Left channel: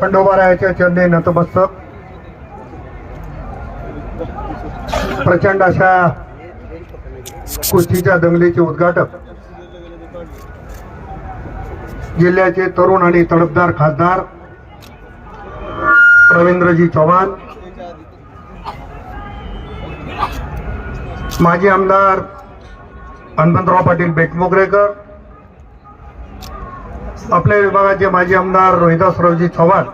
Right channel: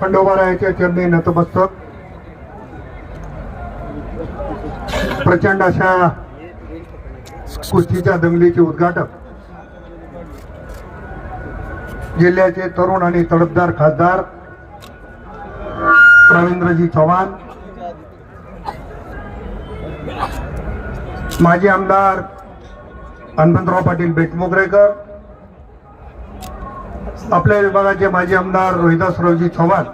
खंडोबारायाच्या चरणी नतमस्तक. प्रचंड अशा कुस्तीच्या दंगलीचे उद्घाटक. जिल्ह्याचे तरुण आणि तडफदार खासदार रवींद्रजी चव्हाण. माजी आमदार हनुमंतराव पाटील बेटमोगरेकर आपल्या विभागाचे माजी आमदार रोहिदासरावजी चव्हाण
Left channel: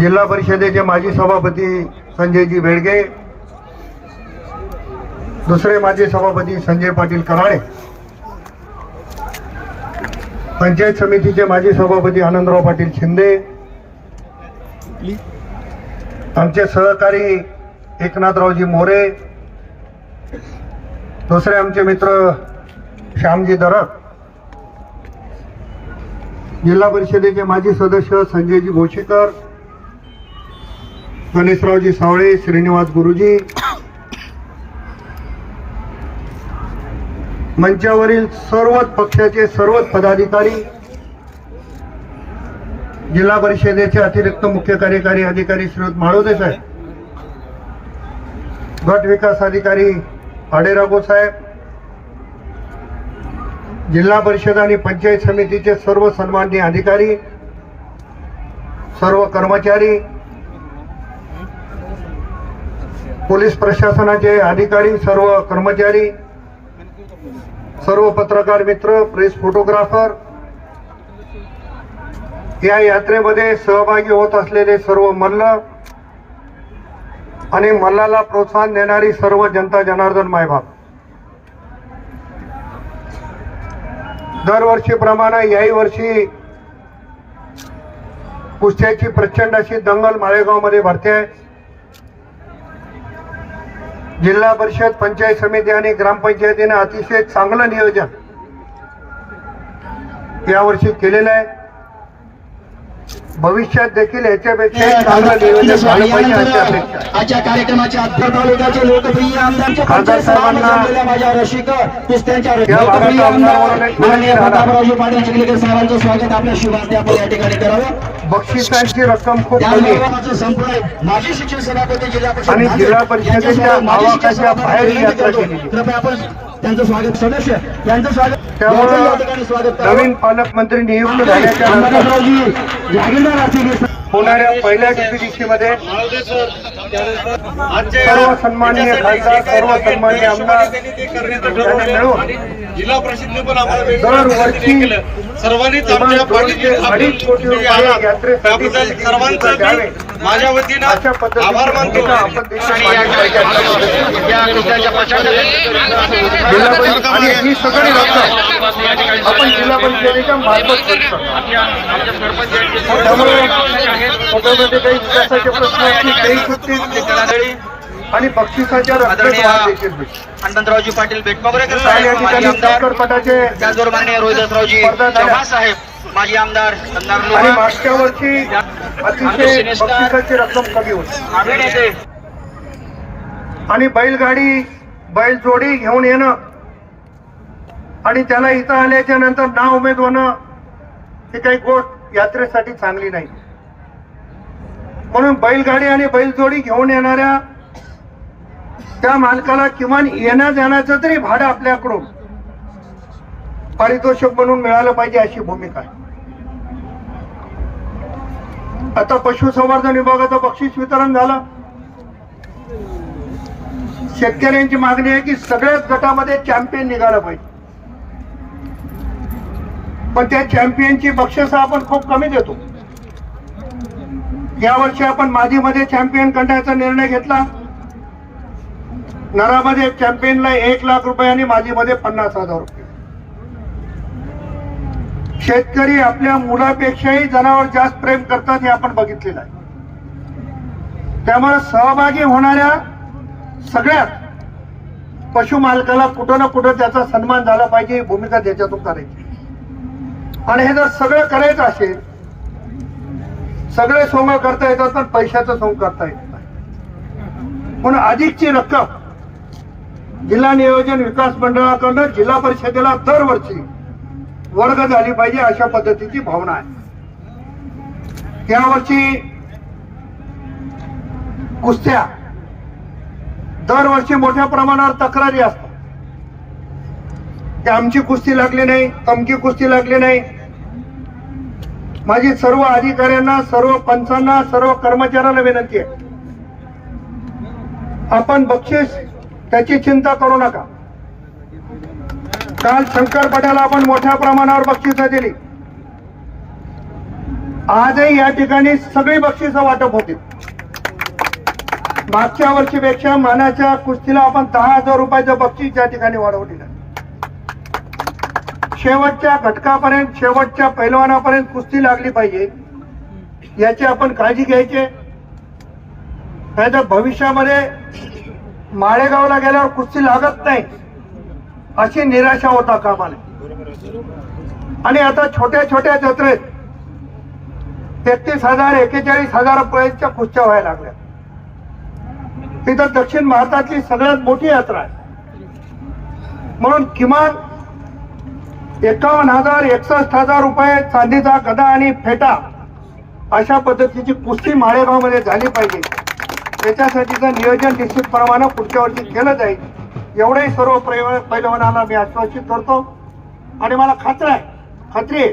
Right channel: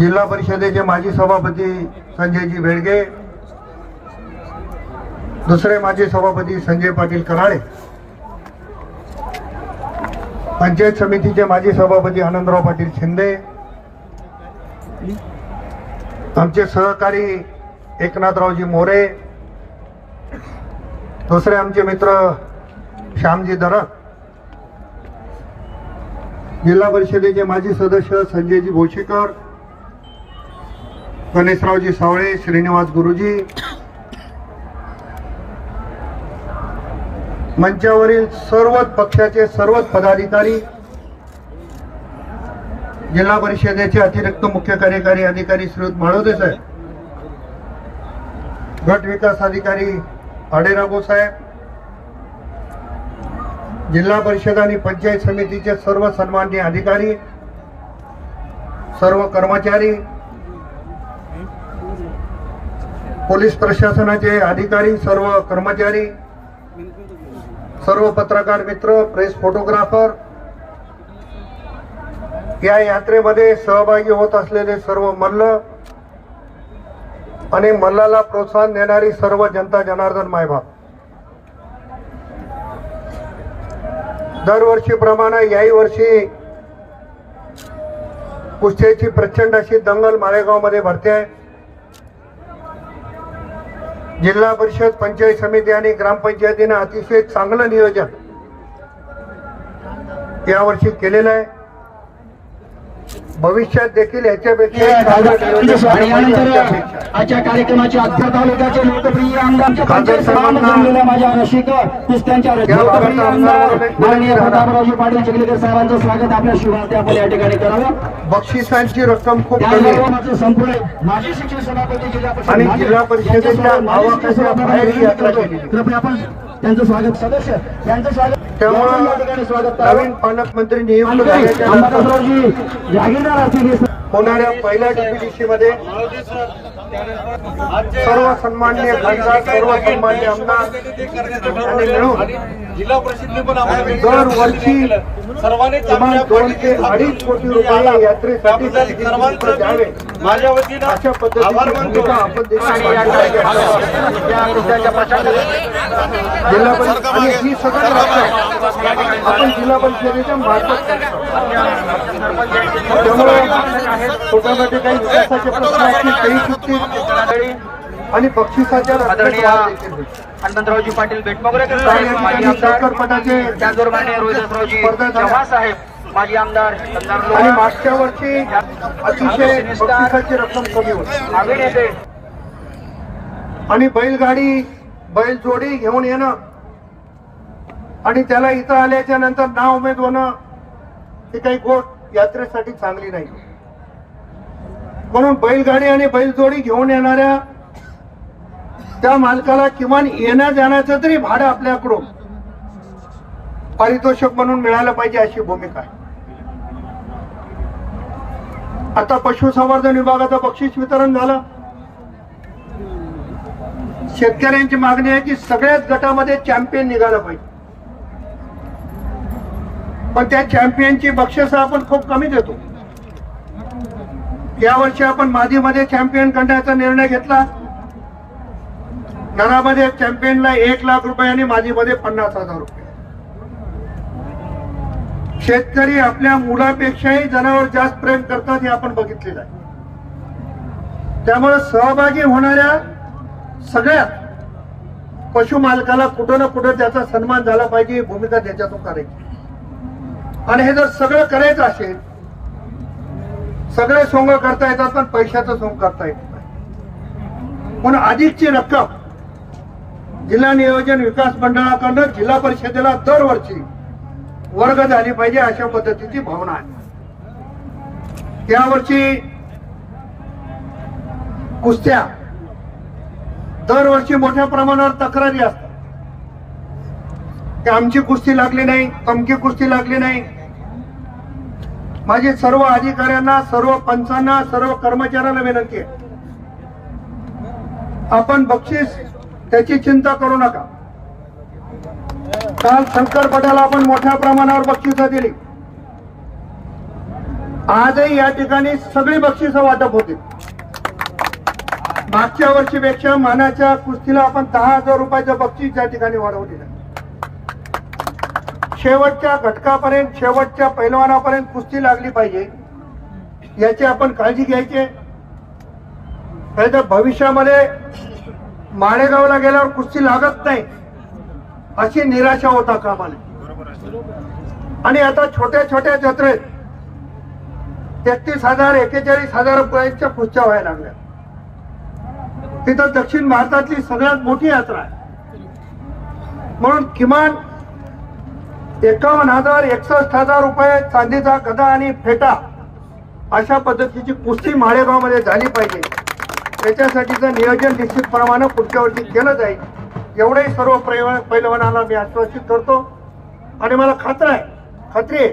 जिल्हा परिषदेचे माजी सभापती संजयजी बेडगे दुसरे माजी सभापती संजय पाटील कराळे पंचायत समितीचे माजी सभापती आनंदराव पाटील शिंदे आमचे सहकारी एकनाथरावजी मोरे दुसरे आमचे मित्र श्यामजी दरक जिल्हा परिषदेचे माजी सदस्य संजयजी भोशीकर गणेशरावजी सावळे श्रीनिवास गुरुजी. मंचावरील सर्वच पक्षाचे सर्वच पदाधिकारी जिल्हा परिषदेचे अतिरिक्त मुख्य कार्यकारी अधिकारी श्रीयुत माळोदे साहेब गट विकास अधिकारी अडेरागो साहेब जिल्हा परिषद आणि पंचायत समितीचे सर्व सन्माननीय अधिकारी सर्व कर्मचारी पोलीस प्रशासनाचे अधिकारी सर्व कर्मचारी सर्व पत्रकार मित्र प्रेस फोटोग्राफर या यात्रेमध्ये सहभागी होत असलेले सर्व मल्ल आणि मल्लाला प्रोत्साहन देणारी सर्व जनता जनार्दन मायबाप. दरवर्षीप्रमाणे याही वर्षी कुस्त्याची प्रचंड अशी दंगल माळेगावमध्ये भरते. जिल्हा परिषद पंचायत समिती आणि ग्रामपंचायतीने अतिशय चांगलं नियोजन यावर्षी केलेलं आहे. भविष्यात देखील याच्यापेक्षा आजच्या कार्यक्रमाचे अध्या तालुक्याचे लोकप्रिय आमदार बक्षिसांची रक्कम खूप संपूर्ण माजी शिक्षण सभापती जिल्हा आणि जिल्हा परिषदेच्या बाहेर यात्रा केली. आपण त्यांचं स्वागत सदस्य यांचं स्वागत. त्यामुळं. नवीन पालकमंत्री नियुक्त झाल्याच्या नंतर होणाऱ्या पहिल्या डीपीडीसी सर्व सन्माननीय खासदार सर्व सन्माननीय आमदार मिळून जिल्हा परिषदने पण दरवर्षी सर्वांनी दोन ते अडीच कोटी रुपये यात्रेसाठी त्याबद्दल द्यावे. माझ्या वतीनं आभार मानतो. आणि ही सगळी रक्कम आपण जिल्हा परिषदेच्या मार्फत त्यामुळे स्वतःमध्ये काही विकासाचे प्रश्न असतील आणि बक्षिसाच्या आदरणीय. हनुमंतरावजी पाटील बेटमोगरेकर आणि साहेब माजी आमदार त्याचबरोबर माननीय रोहिदासरावजी चव्हाण साहेब माजी आमदार आणि लोहा. मागच्या वर्षी अतिशय बक्षिसाची रक्कम कमी होती. आणि बैलगाडी बैलजोडी घेऊन येणं आणि त्याला इथं आल्याच्यानंतर नाव उमेद होणं ही काही गोष्ट यात्रेसाठी चांगली नाही. म्हणून बैलगाडी आणि बैलजोडी घेऊन येणाऱ्या त्या मालकाला किमान येण्या जाण्याचं तरी भाडं आपल्याकडून पारितोषिक म्हणून मिळालं पाहिजे अशी भूमिका आहे. आता पशुसंवर्धन विभागाचं बक्षीस वितरण झालं. शेतकऱ्यांची मागणी आहे की सगळ्याच गटामध्ये चॅम्पियन निघाला पाहिजे. पण त्या चॅम्पियनची बक्षिस आपण खूप कमी देतो. यावर्षी आपण मादीमध्ये चॅम्पियन करण्याचा निर्णय घेतला. नरामध्ये चॅम्पियनला एक लाख रुपये आणि मादीमध्ये पन्नास हजार रुपये. शेतकरी आपल्या मुलापेक्षाही जनावर जास्त प्रेम करतात हे आपण बघितलेलं आहे. त्यामुळे सहभागी होणाऱ्या सगळ्यात पशु मालकाला कुठं ना कुठं त्याचा सन्मान झाला पाहिजे ही भूमिका त्याच्यातून करायची आणि हे जर सगळं करायचं असेल सगळे सोंग करता येतात पण पैशाचं सोंग करता येत नाही. म्हणून अधिकची रक्कम जिल्हा नियोजन विकास मंडळाकडनं जिल्हा परिषदेला दरवर्षी वर्ग झाली पाहिजे अशा पद्धतीची भावना आहे. त्यावरची कुस्त्या दरवर्षी मोठ्या प्रमाणावर तक्रारी असतात. की आमची कुस्ती लागली नाही तमकी कुस्ती लागली नाही. माझी सर्व अधिकाऱ्यांना सर्व पंचांना सर्व कर्मचाऱ्यांना विनंती आहे. आपण बक्षीस त्याची चिंता करू नका. काल शंकर पटेल आपण मोठ्या प्रमाणावर बक्षिसं दिली. आजही या ठिकाणी सगळी बक्षिसं वाटप होती. मागच्या वर्षीपेक्षा मानाच्या कुस्तीला आपण दहा हजार रुपयाचं बक्षीस या ठिकाणी वाढवलेलं शेवटच्या घटकापर्यंत शेवटच्या पैलवानापर्यंत कुस्ती लागली पाहिजे याची आपण काळजी घ्यायची नाही तर भविष्यामध्ये माळेगावला गेल्यावर कुस्ती लागत नाही. अशी निराशा होता कामाला. आणि आता छोट्या छोट्या जत्रेत तेहतीस हजार एकेचाळीस हजार रुपयाच्या खुर्च्या व्हायला लागल्या. तिथं दक्षिण भारतातली सगळ्यात मोठी यात्रा आहे. म्हणून किमान एकावन्न हजार एकसष्ट हजार रुपये चांदीचा गदा आणि फेटा अशा पद्धतीची पुष्टी माळेगावमध्ये झाली पाहिजे. त्याच्यासाठीचं नियोजन निश्चितप्रमाणे पुढच्या वर्षी केलं जाईल. एवढंही सर्व प्रय- पैलवानांना मी आश्वासित करतो. आणि मला खात्री आहे खात्री आहे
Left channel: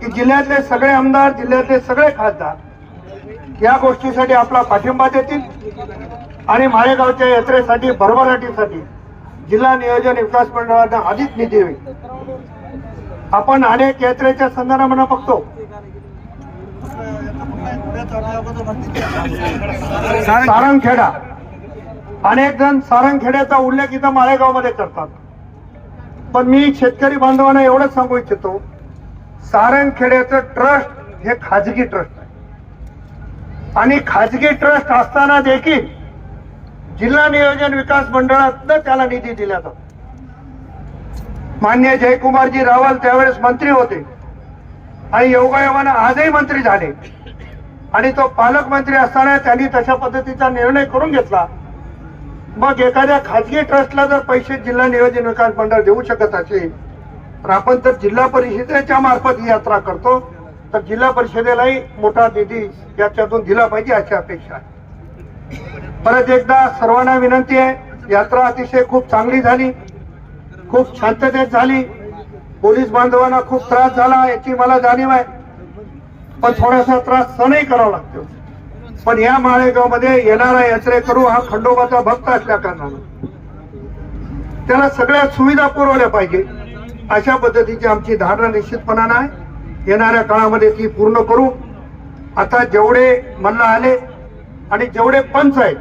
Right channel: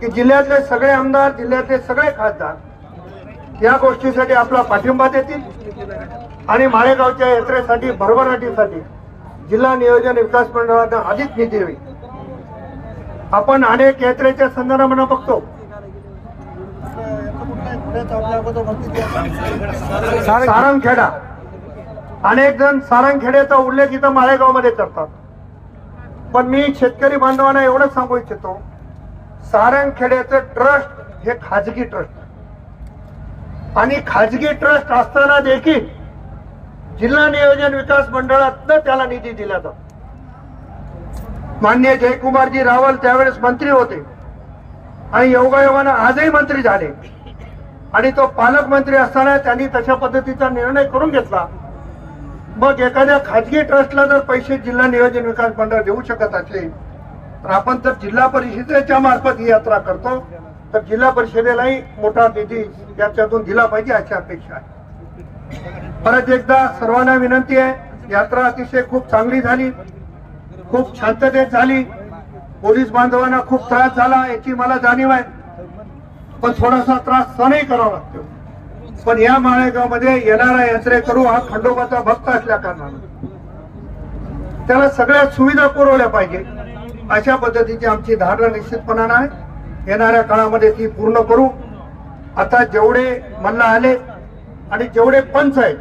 की जिल्ह्यातले सगळे आमदार जिल्ह्यातले सगळे खासदार या गोष्टीसाठी आपला पाठिंबा देतील. आणि माळेगावच्या यात्रेसाठी भरभराटीसाठी जिल्हा नियोजन विकास मंडळांना अधिक निधी होईल. आपण अनेक यात्रेच्या संदर्भानं बघतो. सारंगखेडा. अनेक जण सारंगखेड्याचा उल्लेख इथं माळेगावमध्ये करतात. पण मी शेतकरी बांधवांना एवढंच सांगू इच्छितो सारंगखेड्याचं ट्रस्ट हे खाजगी ट्रस्ट आहे. आणि खाजगी ट्रस्ट असताना देखील जिल्हा नियोजन विकास मंडळातनं त्याला निधी दिला जातो. मान्य जयकुमारजी रावल त्यावेळेस मंत्री होते. आणि योगायोगानं आजही मंत्री झाले. आणि तो पालकमंत्री असताना त्यांनी तशा पद्धतीचा निर्णय करून घेतला. मग एखाद्या खाजगी ट्रस्टला जर पैसे जिल्हा नियोजन विकास मंडळ देऊ शकत असेल तर आपण जर जिल्हा परिषदेच्या मार्फत ही यात्रा करतो तर जिल्हा परिषदेलाही मोठा निधी याच्यातून दिला पाहिजे अशी अपेक्षा आहे. परत एकदा सर्वांना विनंती आहे यात्रा अतिशय खूप चांगली झाली खूप शांततेत झाली पोलीस बांधवांना खूप त्रास झाला याची मला जाणीव आहे पण थोडासा त्रास सहनही करावा लागतो. पण या माळेगावमध्ये येणारा यात्रेकरू हा खंडोबाचा भक्त असल्या कारणाने. त्याला सगळ्या सुविधा पुरवल्या पाहिजे. अशा पद्धतीची आमची धारणा निश्चितपणानं आहे. येणाऱ्या काळामध्ये ती पूर्ण करू. आता जेवढे मल्ल आले आणि जेवढे पंच आहेत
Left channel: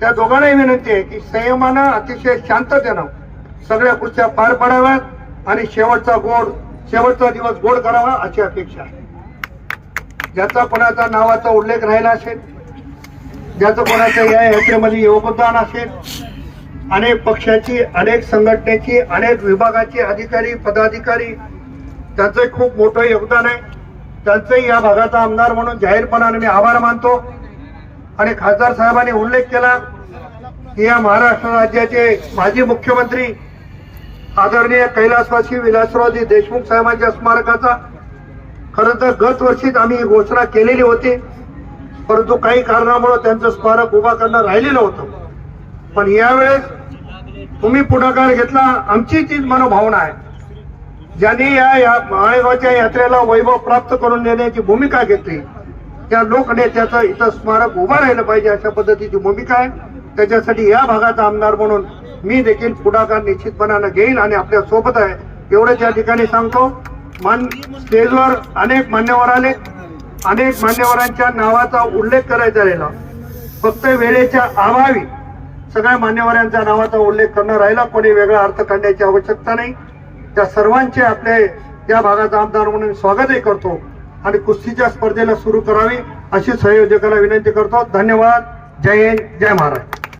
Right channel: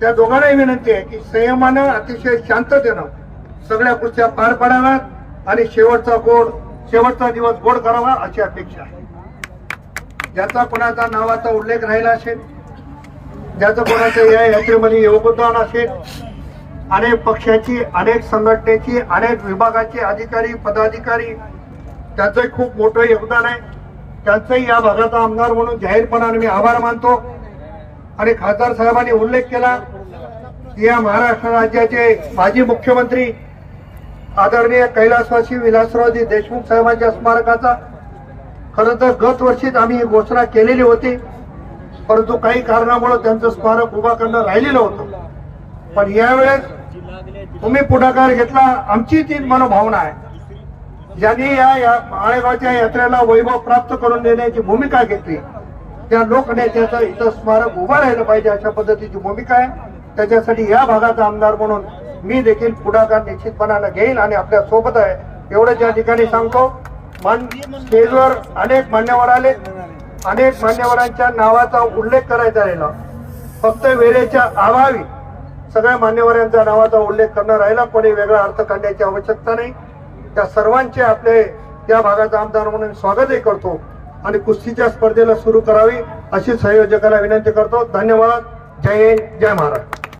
त्या दोघांनाही विनंती आहे की संयमानं अतिशय शांततेनं सगळ्या पुढच्या पार पडाव्यात आणि शेवटचा गोड शेवटचा दिवस गोड करावा अशी अपेक्षा आहे. ज्याचा कोणाचा नावाचा उल्लेख राहिला असेल ज्याचं कोणाचं या यात्रेमध्ये योगदान असेल अनेक पक्षाची अनेक संघटनेची अनेक विभागाचे अधिकारी पदाधिकारी त्यांचं खूप मोठं योगदान आहे. त्यांचंही या भागाचा आमदार म्हणून जाहीरपणाने मी आभार मानतो. आणि खासदार साहेबांनी उल्लेख केला की या महाराष्ट्र राज्याचे माजी मुख्यमंत्री आदरणीय कैलासवासी विलासरावजी देशमुख साहेबांच्या स्मारकाचा खरं तर गत वर्षीच आम्ही ही घोषणा केलेली होती. परंतु काही कारणामुळे त्यांचं स्मारक उभा करणं राहिलेलं होतं. पण यावेळेस तुम्ही पुढाकार घेतला आमची तीच मनोभावना आहे. ज्यांनी या या माळेगावच्या यात्रेला वैभव प्राप्त करून देण्याची भूमिका घेतली त्या लोकनेत्याचं इथं स्मारक उभं राहिलं पाहिजे अशा पद्धतीची भूमिका आहे. त्याच्यासाठी या भागाचा आमदार म्हणून मी देखील पुढाकार निश्चितपणानं घेईन आणि आपल्यासोबत आहे. एवढे त्या ठिकाणी सांगतो. मान स्टेजवर अनेक मान्यवर आले. अनेक मान्यवरांच्या नावाचा उल्लेख करायचा राहिला. फक्त वेळेच्या अभावी सगळ्या मान्यवरांच्या नावाचा उल्लेख करणं राहिला. कोणी वेगळा अर्थ काढण्याची आवश्यकता नाही. त्या सर्वांचे आपले या भागाचा आमदार म्हणून स्वागतही करतो आणि कुस्तीच्या स्पर्धेला सुरू करावी अशी संयोजकाला विनंती करतो. धन्यवाद. जय हिंद. जय महाराष्ट्र.